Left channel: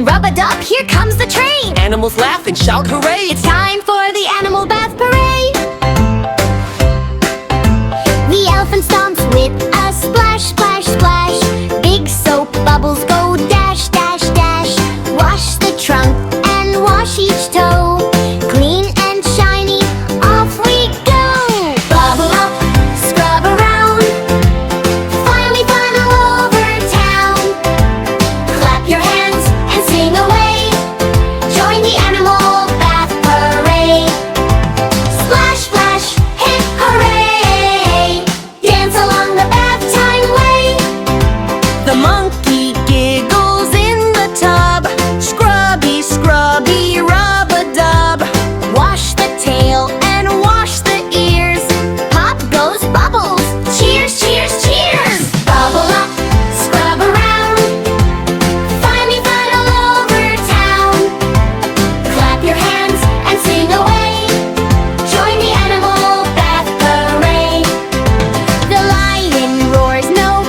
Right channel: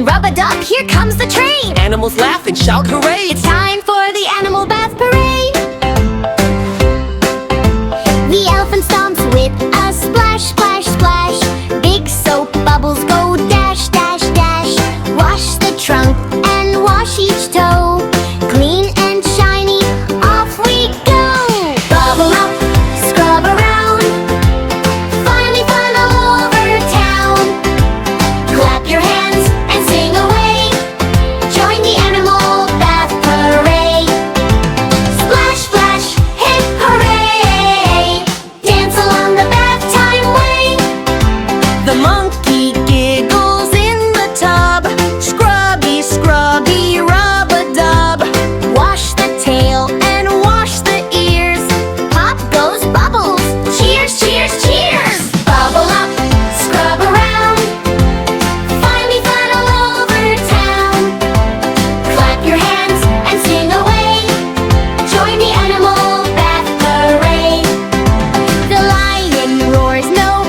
train. Rub-a-dub, here comes the train. Animals laugh and shout hooray. It's time for the animal bath parade. The elephant stomps with a splash, splash, splash. Big soap bubbles go dash, dash, dash. Wash the trunk and wash each toe. Clean and shiny, off we go. Bubble up, scrub around. Finally fun all over town. Clap your hands and sing away. Join the animal bath parade. Splash, splash, hip hooray. Dance along the bath time way. The monkey giggles in the tub. Scrubby, scrubby, rub-a-dub. Wash the tail and wash the ears. Pop goes bubbles. Cheers, cheers, cheers. Bubble up, scrub around. Finally fun all over town. Clap your hands and sing away. Join the animal bath parade. The lion roars, no